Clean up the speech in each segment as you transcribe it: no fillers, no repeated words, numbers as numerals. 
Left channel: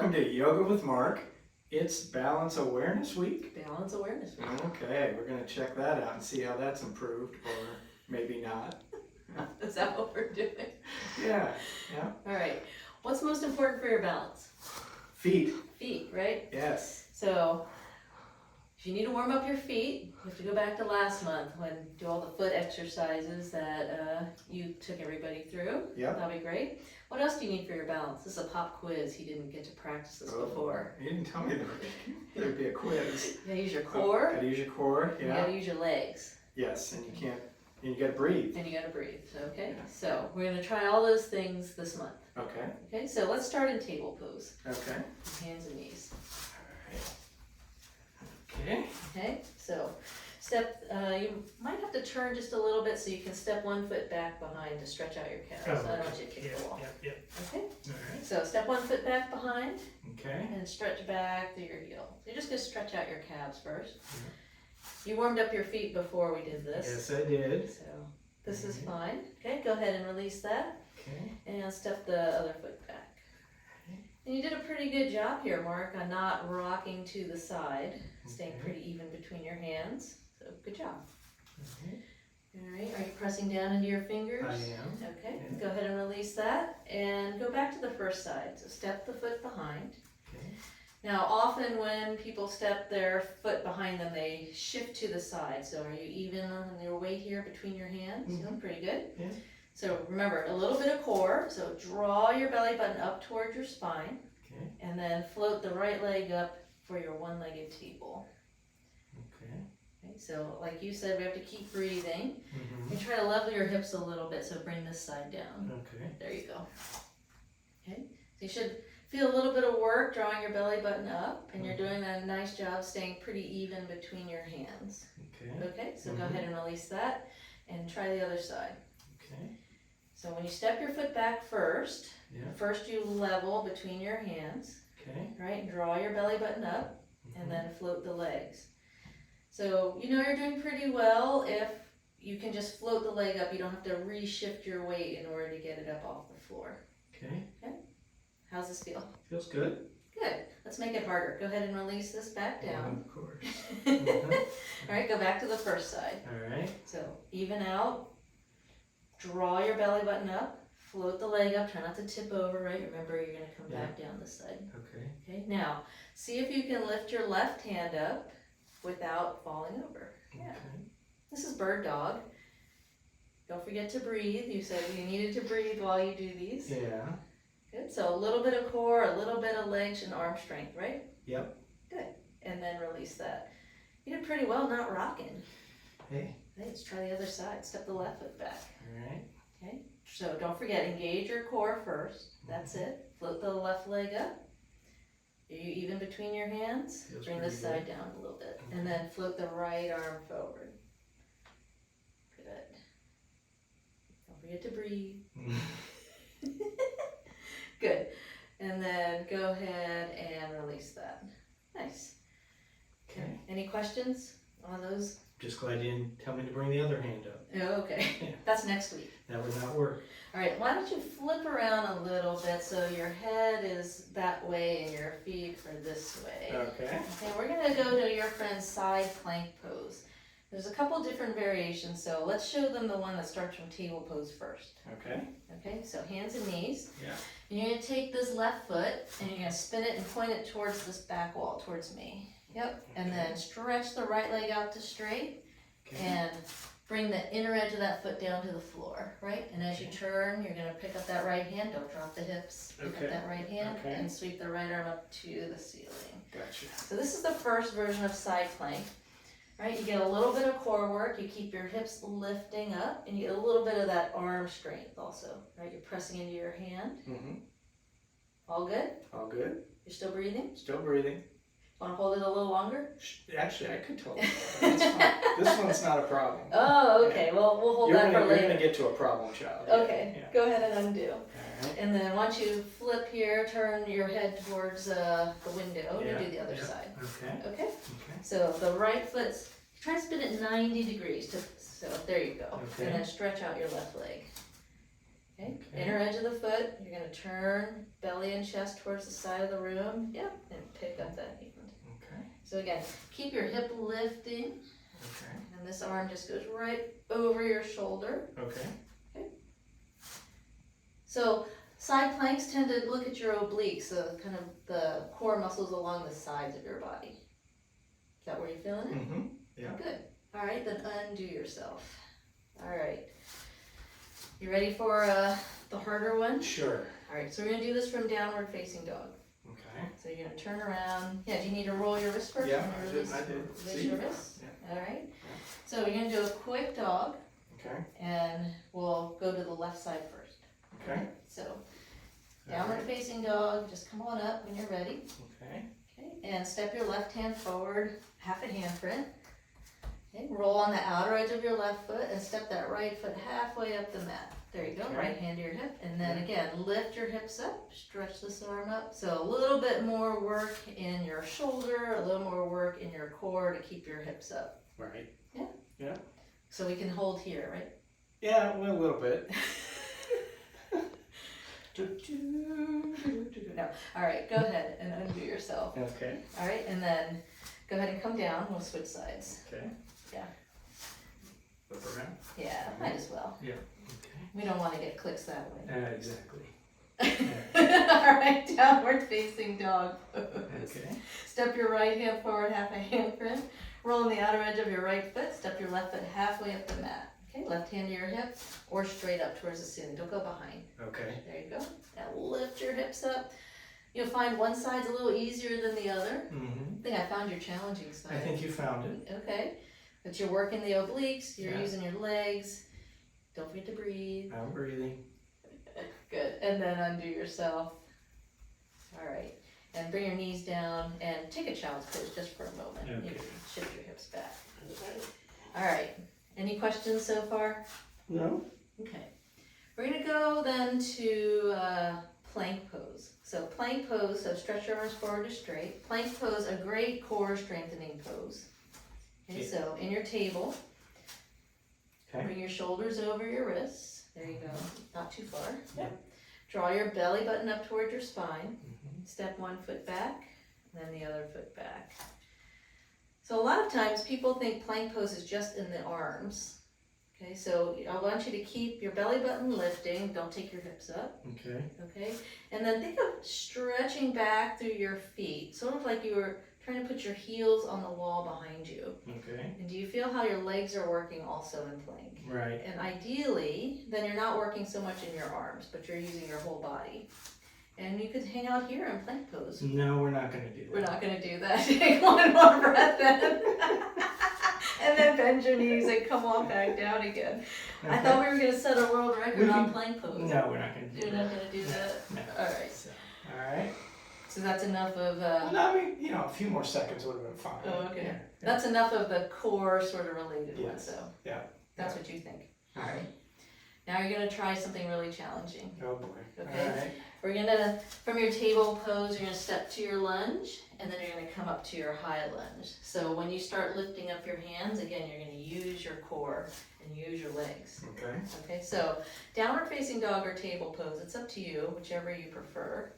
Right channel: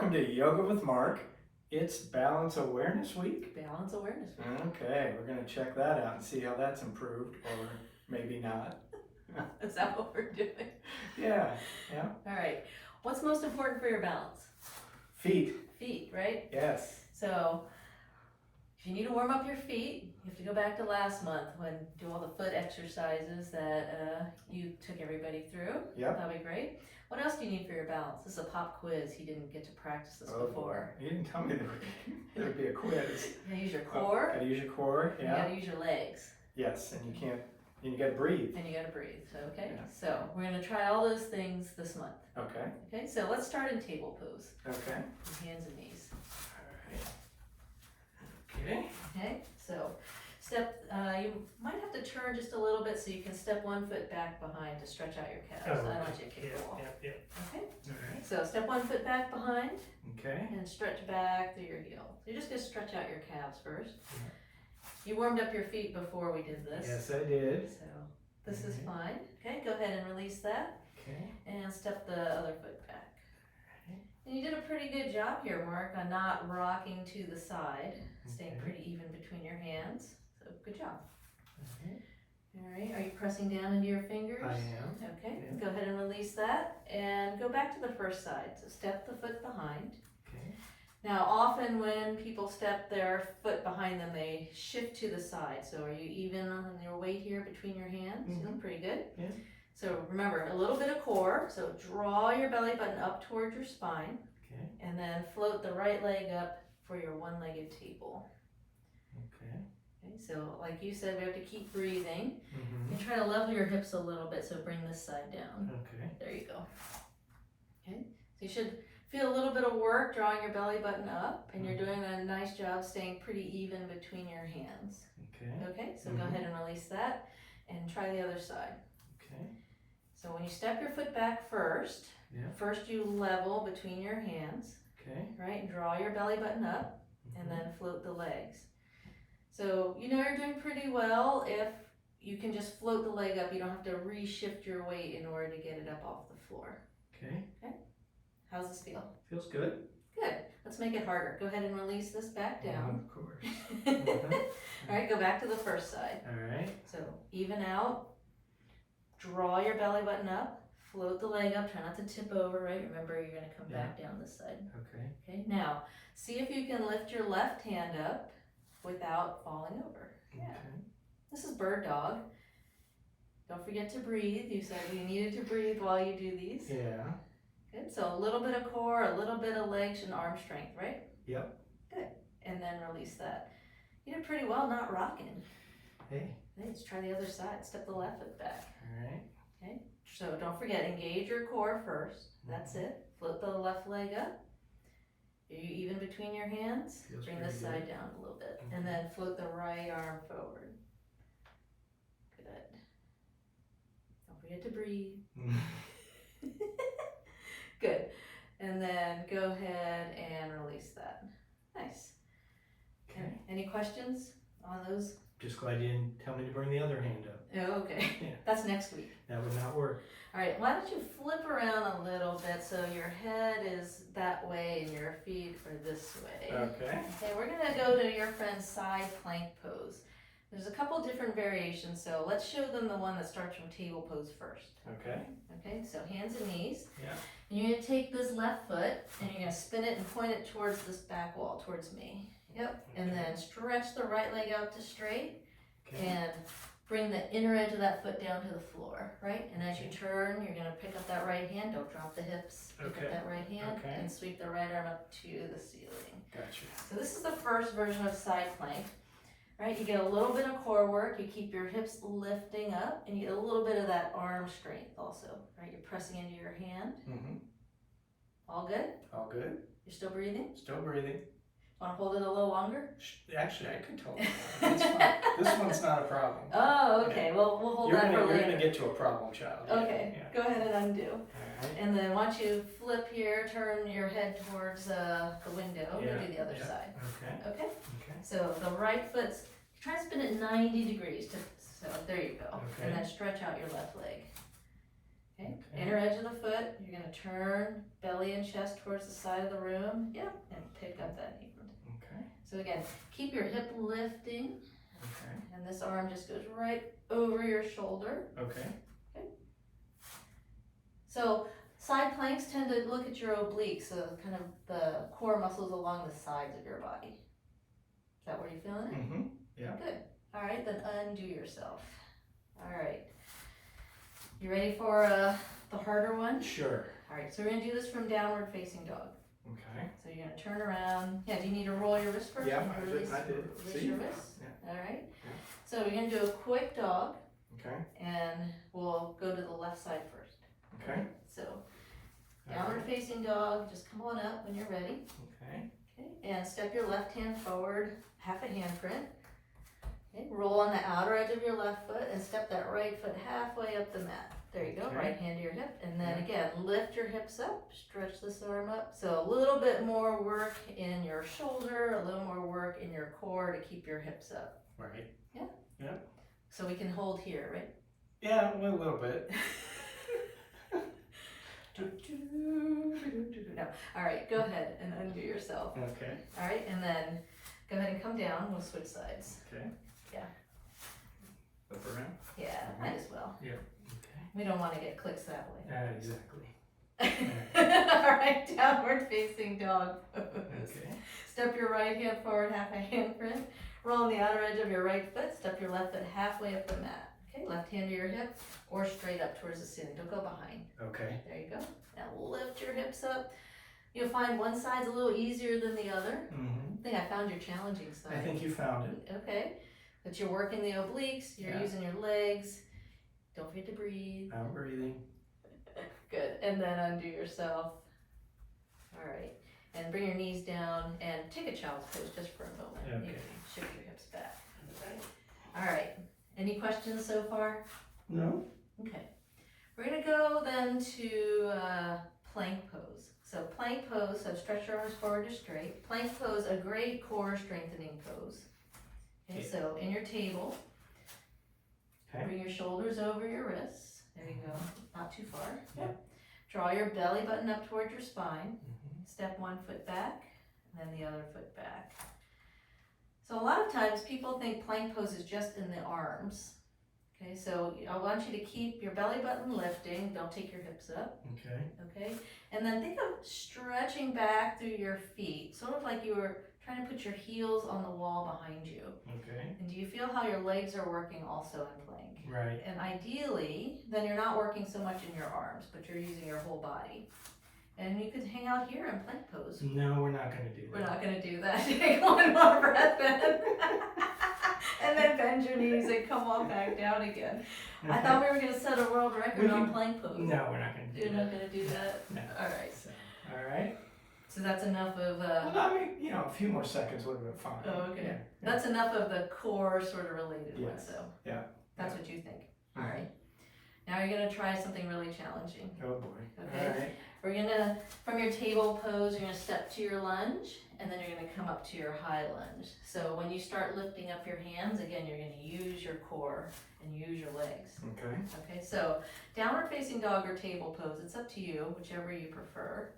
welcome to Yoga with Mark. It's Balance Awareness Week. Balance Awareness Week. Okay, we're going to check that out and see how that's improved, or maybe not. Is that what we're doing? Yeah. All right. What's most important for your balance? Feet. Feet, right? Yes. So, if you need to warm up your feet, you have to go back to last month when do all the foot exercises that you took everybody through. Yep. That'll be great. What else do you need for your balance? This is a pop quiz. He didn't get to practice this before. You didn't tell me there would be a quiz. You gotta use your core. Gotta use your core, And you gotta use your legs. Yes, and you gotta breathe. And you gotta breathe, okay? Yeah. So, we're gonna try all those things this month. Okay. Okay, so let's start in table pose. Okay. Hands and knees. Okay. Okay, so step, you might have to turn just a little bit so you can step one foot back behind to stretch out your calves. I don't want you to kick the wall. Yep. Okay, Alright. so step one foot back behind Okay. and stretch back through your heel. You're just gonna stretch out your calves first. Yeah. You warmed up your feet before we did this. Yes, I did. So this is fine. Okay, go ahead and release that Okay. and step the other foot back. And you did a pretty good job here, Mark, on not rocking to the side, staying pretty even between your hands. So good job. Okay. All right, are you pressing down into your fingers? I am. Okay, Yeah. go ahead and release that and go back to the first side. So step the foot behind. Okay. Now, often when people step their foot behind them, they shift to the side. So are you even on your weight here between your hands? Mhm. Feeling pretty good? Yeah. So remember, a little bit of core. So draw your belly button up towards your spine. Okay. And then float the right leg up for your one-legged table. Okay. Okay, so like you said, we have to keep breathing. Mm-hmm. And try to level your hips a little bit, so bring this side down. Okay. There you go. Okay, so you should feel a little bit of work drawing your belly button up, and you're doing a nice job staying pretty even between your hands. Okay. Okay, so go ahead and release that, and try the other side. Okay. So when you step your foot back first, Yeah. first you level between your hands, Okay. right, and draw your belly button up, and then float the legs. So you know you're doing pretty well if you can just float the leg up. You don't have to reshift your weight in order to get it up off the floor. Okay. How's this feel? Feels good. Good. Let's make it harder. Go ahead and release this back down. Of course. All right, go back to the first side. All right. So even out, draw your belly button up, float the leg up, try not to tip over, right? Remember, you're gonna come back down this side. Okay. Okay, now, see if you can lift your left hand up without falling over. Yeah. Okay. This is bird dog. Don't forget to breathe. You said you needed to breathe while you do these. Yeah. Good, so a little bit of core, a little bit of legs and arm strength, right? Yep. Good, and then release that. You did pretty well not rocking. Hey. Okay, let's try the other side. Step the left foot back. All right. Okay, so don't forget, engage your core first. That's it. Float the left leg up. Are you even between your hands? Feels Bring pretty this good. side down a little bit. And then float the right arm forward. Good. Don't forget to breathe. Good. And then go ahead and release that. Nice. Okay. Any questions on those? Just glad you didn't tell me to bring the other hand up. Oh, okay. Yeah. That's next week. That would not work. All right, why don't you flip around a little bit so your head is that way and your feet are this way. Okay. Okay, we're gonna go to your friend's side plank pose. There's a couple different variations, so let's show them the one that starts from table pose first. Okay. Okay, so hands and knees. Yeah. And you're gonna take this left foot and you're gonna spin it and point it towards this back wall, towards me. Yep, and then stretch the right leg out to straight Okay. and bring the inner edge of that foot down to the floor, right? And as you turn, you're gonna pick up that right hand, don't drop the hips. Pick Okay. up that right hand Okay. and sweep the right arm up to the ceiling. Gotcha. So this is the first version of side plank, right? You get a little bit of core work, you keep your hips lifting up, and you get a little bit of that arm strength also, right? You're pressing into your hand. Mm-hmm. All good? All good. You're still breathing? Still breathing. Wanna hold it a little longer? Actually, I could totally. It's fine. This one's not a problem. Oh, okay, well, we'll hold that for You're later. gonna get to a problem child. Okay, Yeah. go ahead and undo. All right. And then once you flip here, turn your head towards the window, Yeah, you do the other yeah. side. Okay. Okay? Okay. So the right foot's, try to spin it 90 degrees, so there you go. Okay. And then stretch out your left leg. Okay, inner edge of the foot, you're gonna turn belly and chest towards the side of the room, yep, and pick up that hand. Okay. So again, keep your hip lifting, Okay. and this arm just goes right over your shoulder. Okay. So side planks tend to look at your obliques, so kind of the core muscles along the sides of your body. Is that where you're feeling it? Mm-hmm. Yeah. Good. All right, then undo yourself. All right. You ready for the harder one? Sure. All right, so we're gonna do this from downward facing dog. Okay. So you're gonna turn around. Yeah, do you need to roll your wrist first? Yeah, Or I release- did. Release See? your wrist? Yeah. All right. So we're gonna do a quick dog, Okay. and we'll go to the left side first. Okay. So downward facing dog, just come on up when you're ready. Okay. Okay, and step your left hand forward, half a handprint. Okay, roll on the outer edge of your left foot and step that right foot halfway up the mat. There you go, Okay. right hand to your hip. And then again, lift your hips up, stretch this arm up. So a little bit more work in your shoulder, a little more work in your core to keep your hips up. Right. So we can hold here, right? Yeah, well, a little bit. No. All right, go ahead and undo yourself. Okay. All right, and then go ahead and come down. We'll switch sides. Okay. Yeah. Flip around. Yeah, might as well. Okay. We don't want to get clicks that way. Exactly. All right, downward facing dog pose. Okay. Step your right hand forward, half a handprint. Roll on the outer edge of your right foot. Step your left foot halfway up the mat. Okay, left hand to your hip or straight up towards the ceiling. Don't go behind. Okay. There you go. Now lift your hips up. You'll find one side's a little easier than the other. Mm-hmm. I think I found your challenging side. I think you found it. Okay, but you're working the obliques. You're Yeah. using your legs. Don't forget to breathe. I'm breathing. Good, and then undo yourself. All right, and bring your knees down and take a child's pose just for a moment. Okay. You can shift your hips back. All right, any questions so far? No. Okay, we're gonna go then to plank pose. So plank pose, so stretch your arms forward or straight. Plank pose, a great core strengthening pose. Okay, Yeah. so in your table, Okay. bring your shoulders over your wrists. There you go, not too far. Yep. Draw your belly button up toward your spine. Mm-hmm. Step one foot back, then the other foot back. So a lot of times people think plank pose is just in the arms. Okay, so I want you to keep your belly button lifting, don't take your hips up, Okay. okay? And then think of stretching back through your feet, sort of like you were trying to put your heels on the wall behind you. Okay. And do you feel how your legs are working also in plank? Right. And ideally, then you're not working so much in your arms, but you're using your whole body. And you could hang out here in plank pose. No, we're not going to do that. We're not gonna do that. Take one more breath then. And then bend your knees and come on back down again. Okay. I thought we were gonna set a world record We on can- plank pose. No, we're not going to do You're that. not gonna do that? No. Alright, So, all right. so that's enough of, Well, no, I mean, you know, a few more seconds would have been fine. Oh, okay. Yeah. that's enough of the core sort of related one, Yes. so. Yeah. That's what you think. Alright. Now you're gonna try something really challenging. Oh boy. Okay. All right. We're gonna, from your table pose, you're gonna step to your lunge, and then you're gonna come up to your high lunge. So when you start lifting up your hands, again, you're gonna use your core and use your legs. Okay. Okay, so downward facing dog or table pose, it's up to you, whichever you prefer.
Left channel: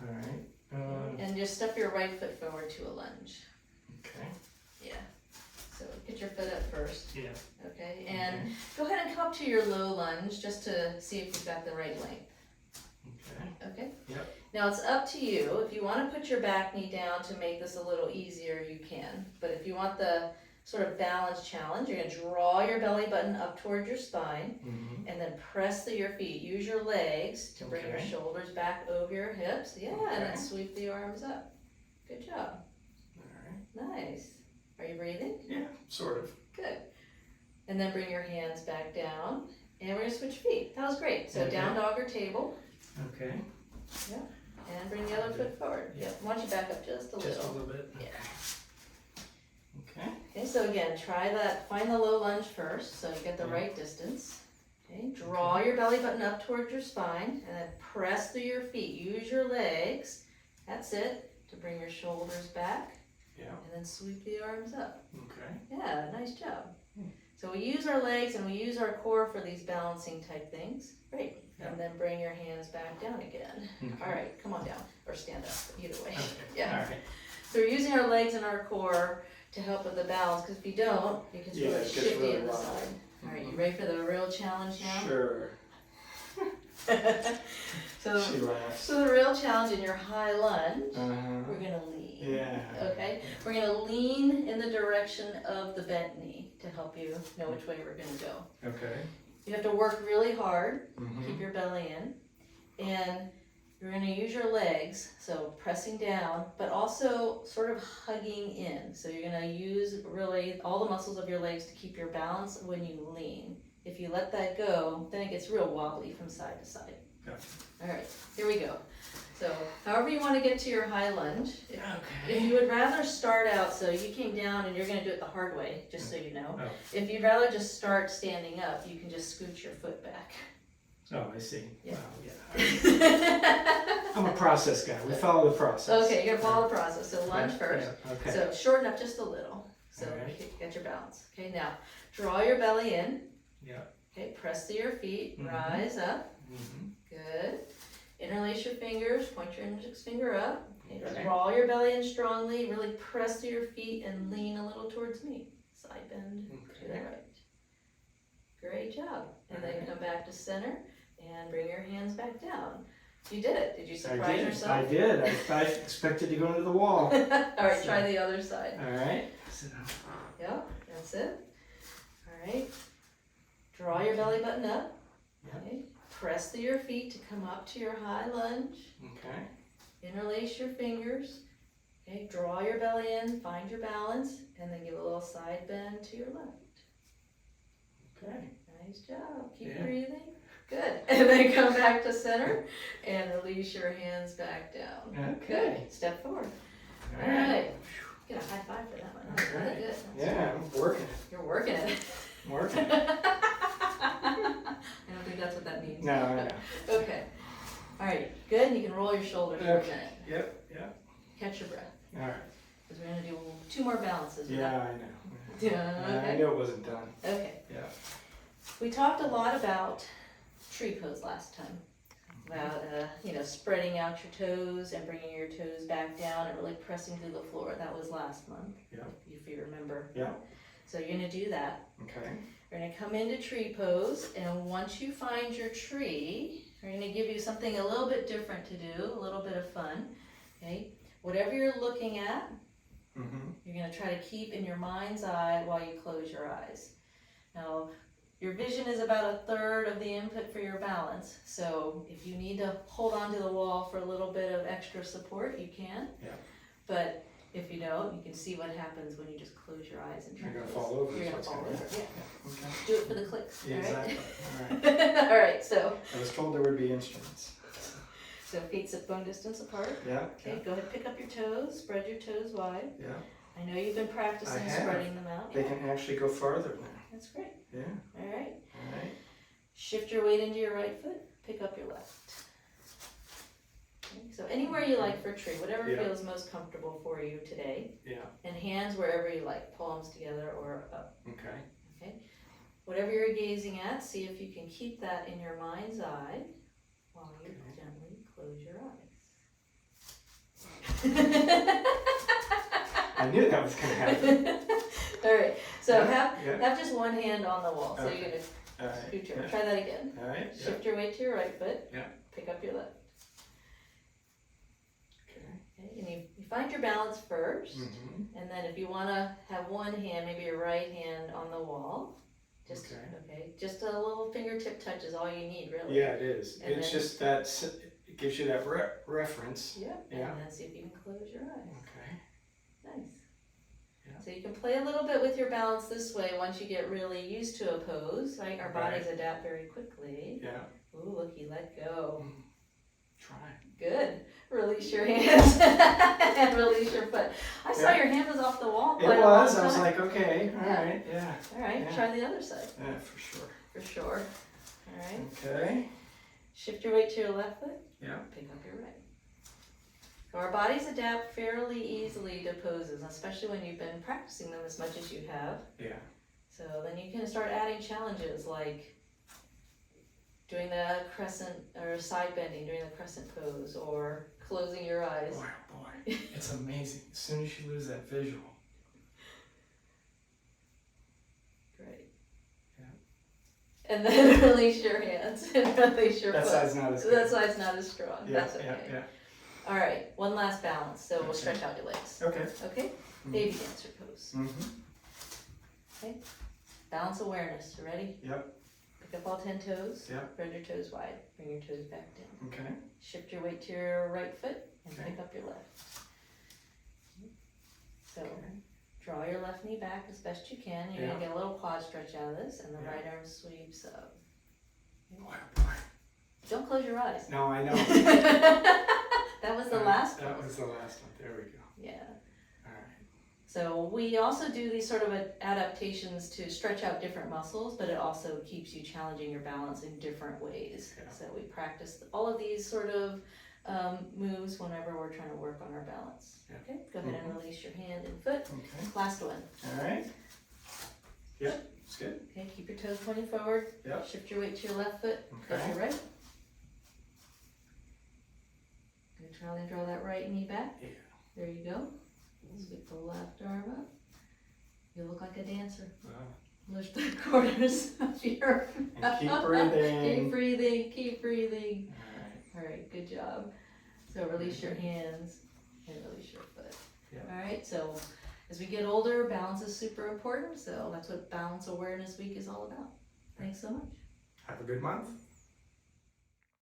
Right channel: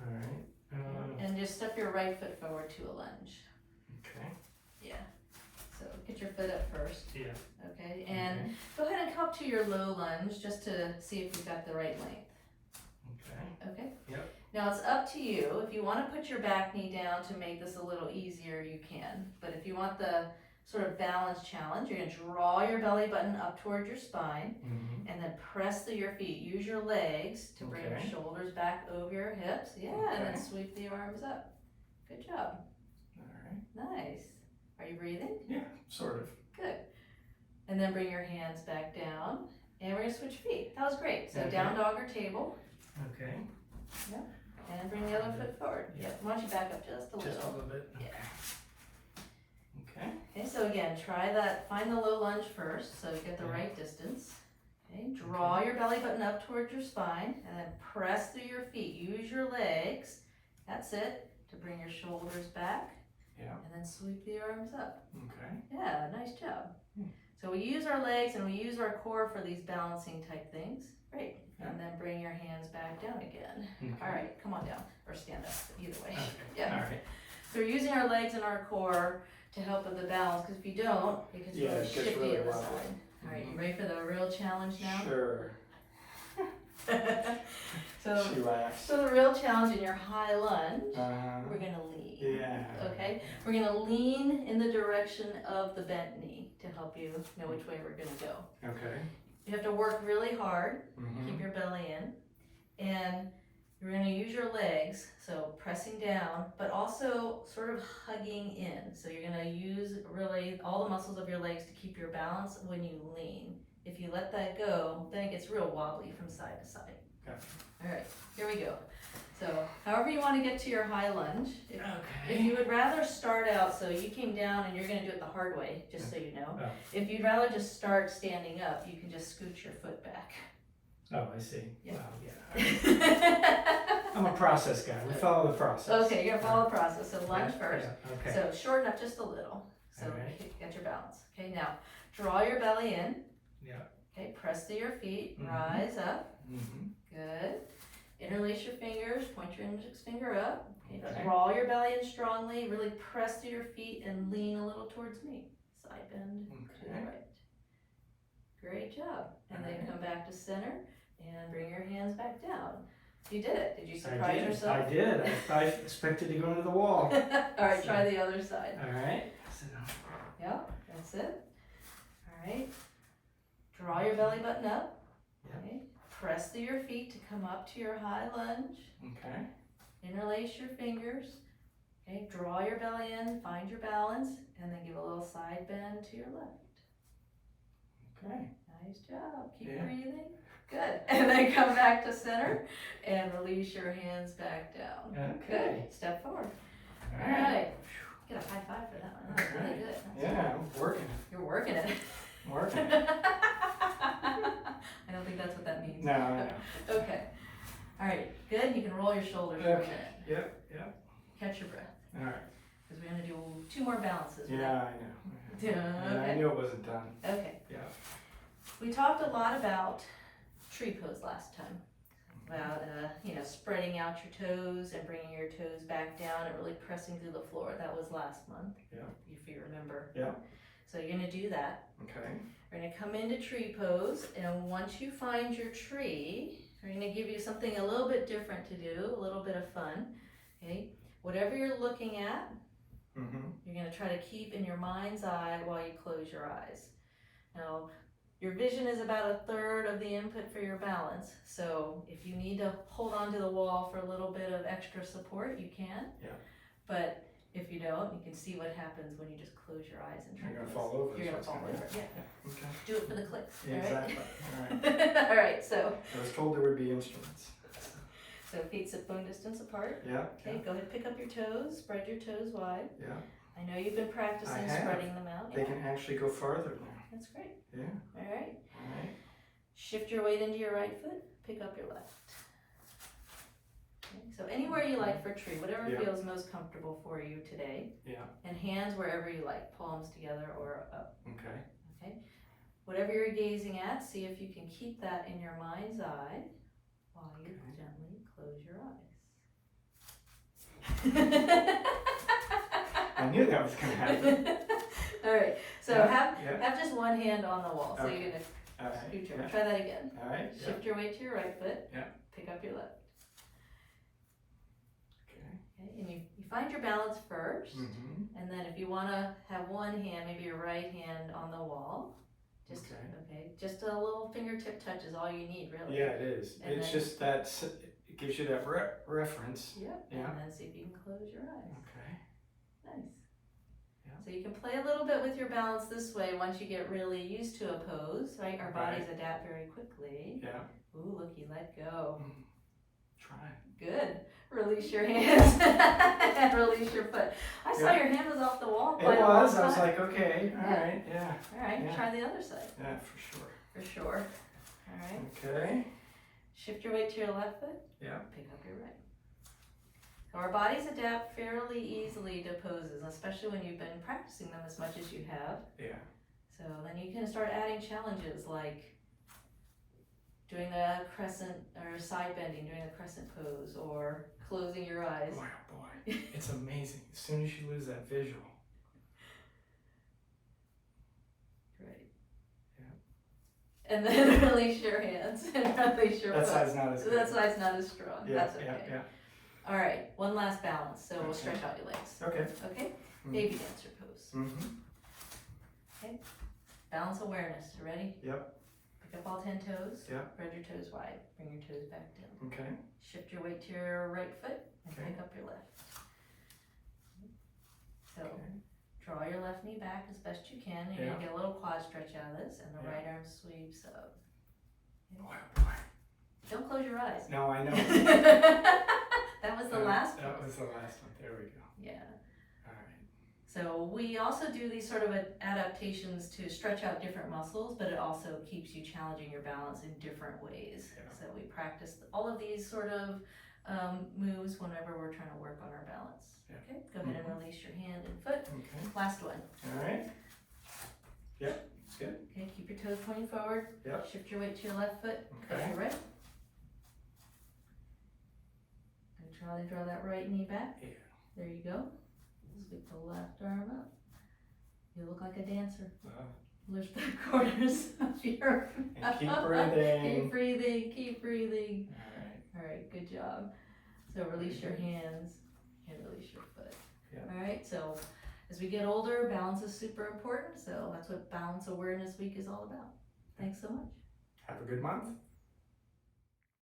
All right. And just step your right foot forward to a lunge. Okay. Yeah. So get your foot up first, Yeah. okay? And go ahead and come up to your low lunge just to see if you've got the right length. Okay. Okay? Yep. Now it's up to you. If you want to put your back knee down to make this a little easier, you can. But if you want the sort of balance challenge, you're going to draw your belly button up toward your spine Mm-hmm. and then press through your feet. Use your legs to bring Okay. your shoulders back over your hips. Yeah, and then Okay. sweep the arms up. Good job. All right. Nice. Are you breathing? Yeah, sort of. Good. And then bring your hands back down. And we're going to switch feet. That was great. So Okay. down dog or table. Okay. And bring the other foot forward. Yeah. Why don't you back up just a Just a little? little bit. Yeah. Okay. Okay, so again, try that. Find the low lunge first, so you get the Yeah. right distance. Okay, draw your belly button up towards your spine, and then press through your feet. Use your legs. That's it. To bring your shoulders back, Yeah. and then sweep the arms up. Okay. Yeah, nice job. Hmm. So we we use our legs and we use our core for these balancing type things. Great. Yeah. And then bring your hands back down again. Okay. All right, come on down, or stand up, either way. Okay. Yeah. All right. So we're using our legs and our core to help with the balance, because if you don't, it gets Yeah, really it gets shifty really in the wobbly. side. All right, you ready for the real challenge now? Sure. so, She laughs. so the real challenge in your high lunge, we're gonna lean. Yeah. Okay, we're gonna lean in the direction of the bent knee to help you know which way we're gonna go. Okay. You have to work really hard, Mm-hmm. keep your belly in, and you're gonna use your legs, so pressing down, but also sort of hugging in. So you're gonna use really all the muscles of your legs to keep your balance when you lean. If you let that go, then it gets real wobbly from side to side. Yeah. All right, here we go. So however you want to get to your high lunge, if Okay. you would rather start out, so you came down and you're gonna do it the hard way, just so you know. Oh. If you'd rather just start standing up, you can just scoot your foot back. Oh, I see. Yeah. Wow, yeah. I'm a process guy. We follow the process. Okay, you're gonna follow the process, so lunge Yeah, first. yeah, okay. So shorten up just a little, so Alright. get your balance. Okay, now draw your belly in. Yeah. Okay, press to your feet, Mhm. rise up. Mm-hmm. Good. Interlace your fingers, point your index finger up. Okay. Okay. Draw your belly in strongly, really press to your feet and lean a little towards me. Side bend to the Okay. right. Great job. And then Alright. come back to center and bring your hands back down. You did it. Did you I surprise did. yourself? I did. I expected to go into the wall. All right, try the other side. All right. Sit down. Yep, that's it. All right. Draw your belly button up. Yep. Okay. Press through your feet to come up to your high lunge. Okay. Interlace your fingers. Okay. Draw your belly in, find your balance, and then give a little side bend to your left. Okay. Nice job. Keep Yeah. breathing. Good. And then come back to center and release your hands back down. Okay. Good. Step forward. All All right. right. Get a high five for that one. That was really Alright. good. That's Yeah, I'm working it. You're working it. I'm working it. I don't think that's what that means. No, I know. Okay. All right. Good. And you can roll your shoulders for a Okay. minute. Yep. Yep. Catch your breath. All right. Because we're going to do 2 more balances. Yeah, I know. Yeah, Yeah, okay. I knew it wasn't done. Okay. Yeah. We talked a lot about tree pose last time. About, spreading out your toes and bringing your toes back down and really pressing through the floor. That was last month. Yeah. If you remember. Yeah. So you're going to do that. Okay. We're going to come into tree pose, and once you find your tree, we're going to give you something a little bit different to do, a little bit of fun. Okay? Whatever you're looking at, Mm-hmm. you're going to try to keep in your mind's eye while you close your eyes. Now, your vision is about 1/3 of the input for your balance, so if you need to hold onto the wall for a little bit of extra support, you can. Yeah. But if you don't, you can see what happens when you just close your eyes and You're tree gonna pose. fall over. You're is going to what's fall gonna over, happen. yeah. Okay. Do it for the clicks, Yeah, all right? exactly. All right. All right, so I was told there would be instruments. feet sit bone distance apart. Yeah. Okay, go ahead, pick up your toes, spread your toes wide. Yeah. I know you've been practicing I have. spreading them out. They Yeah, can actually go farther now. that's great. Yeah. All right, All right. shift your weight into your right foot, pick up your left. Okay, so anywhere you like for tree, whatever Yeah. feels most comfortable for you today. Yeah. And hands wherever you like, palms together or up. Okay. Whatever you're gazing at, see if you can keep that in your mind's eye while you Okay. gently close your eyes. I knew that was gonna happen. All right, so Yeah, yeah. have just one hand on the wall. So Okay. you're gonna All right. scoot your, Yeah. try that again. All right. Yeah. Shift your weight to your right foot. Yeah. Pick up your left. Okay. Okay, and you find your balance first, Mm-hmm. and then if you want to have one hand, maybe your right hand on the wall, just Okay. just a little fingertip touch is all you need, really. Yeah, it is. And It's then- just that it gives you that reference. Yep. Yeah. And then see if you can close your eyes. Okay. Nice. Yeah. So you can play a little bit with your balance this way once you get really used to a pose. Right? Our bodies adapt very quickly. Yeah. Ooh, look, you let go. Try. Good. Release your hands and release your foot. I saw Yeah. your hand was off the wall. It quite a was. long I was time. like, okay, all right, yeah, All right, yeah. try the other side yeah, for sure. for sure. All right. Okay. Shift your weight to your left foot. Yeah. Pick up your right. Our bodies adapt fairly easily to poses, especially when you've been practicing them as much as you have. Yeah. So then you can start adding challenges like doing the crescent or side bending, doing the crescent pose, or closing your eyes. Boy, oh boy, it's amazing. As soon as you lose that visual. Great. Yeah. And then release your hands and release your That foot. side's not as good. That side's not as strong. Yeah, That's okay. yeah, All right, one last balance. So we'll Okay. stretch out your legs. Okay. Okay? Mm. Baby dancer pose. Mm-hmm. Balance awareness. Ready? Yep. Pick up all 10 toes. Yep. Spread your toes wide. Bring your toes back down. Okay. Shift your weight to your right foot and Okay. pick up your left. So Okay. draw your left knee back as best you can. You're Yeah. gonna get a little quad stretch out of this, and the Yeah. right arm sweeps up. Boy, oh boy. Don't close your eyes. No, I know. That was the last That one. was the last one. There we go. Yeah. All right. So we also do these sort of adaptations to stretch out different muscles, but it also keeps you challenging your balance in different ways. Yeah. So we practice all of these sort of moves whenever we're trying to work on our balance. Yeah. Okay, go ahead and release your hand and foot. Okay. Last one. All right. Yep. It's good. Okay, keep your toes pointing forward. Yep. Shift your weight to your left foot. Okay. Face your right. Good, try to draw that right knee back. Yeah. There you go. Sweep the left arm up. You look like a dancer. Lift the corners of your And keep mouth. breathing. Keep breathing, keep breathing. All right. Alright, good job. So release your hands and release your foot. Yep. Alright, so as we get older, balance is super important. So that's what Balance Awareness Week is all about. Thanks so much. Have a good month.